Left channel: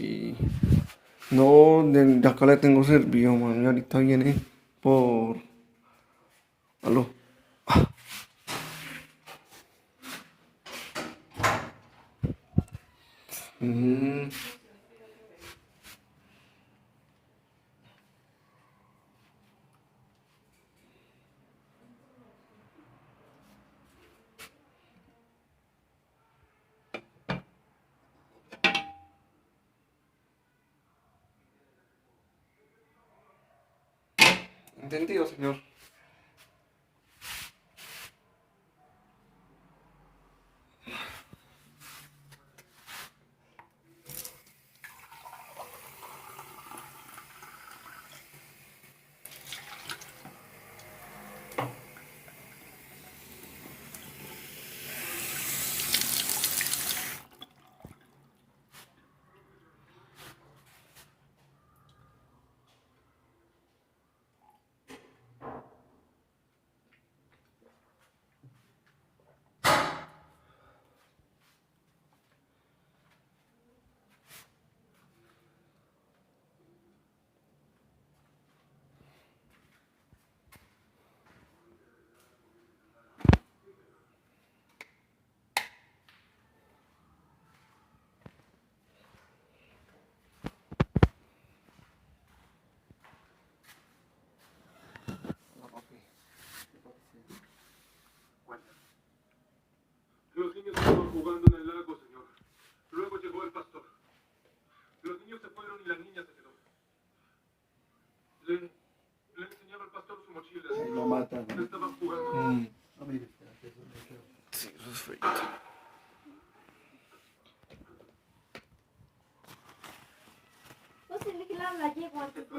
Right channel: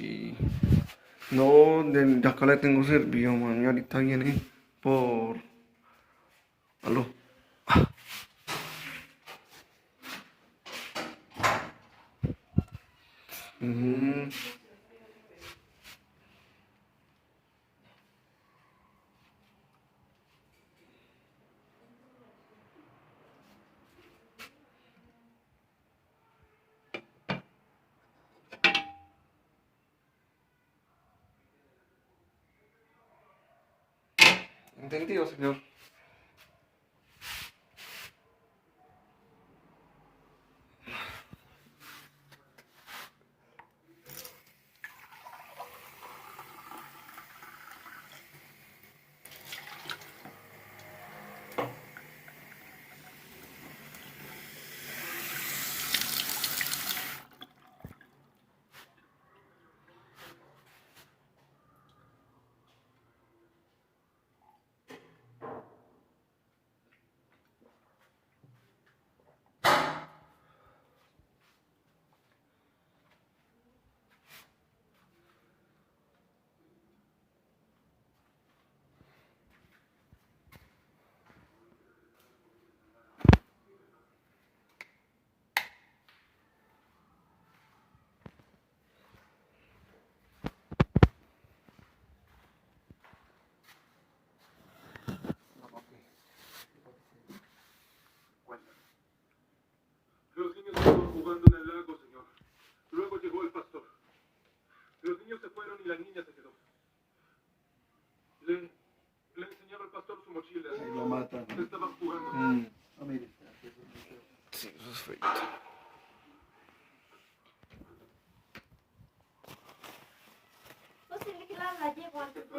Sí. No, ya acá le tengo servido, man. Y ahorita viene por... Aló. Mm, entendido, señor. Los niños estaban jugando en el lago, señor. Luego llegó el pastor. Los niños se fueron y la niña se quedó. Le enseñaba al pastor su mochila. Y lo matan. Estaban jugando. No, mire, Sí, eso es feo. No se le la llevo antes de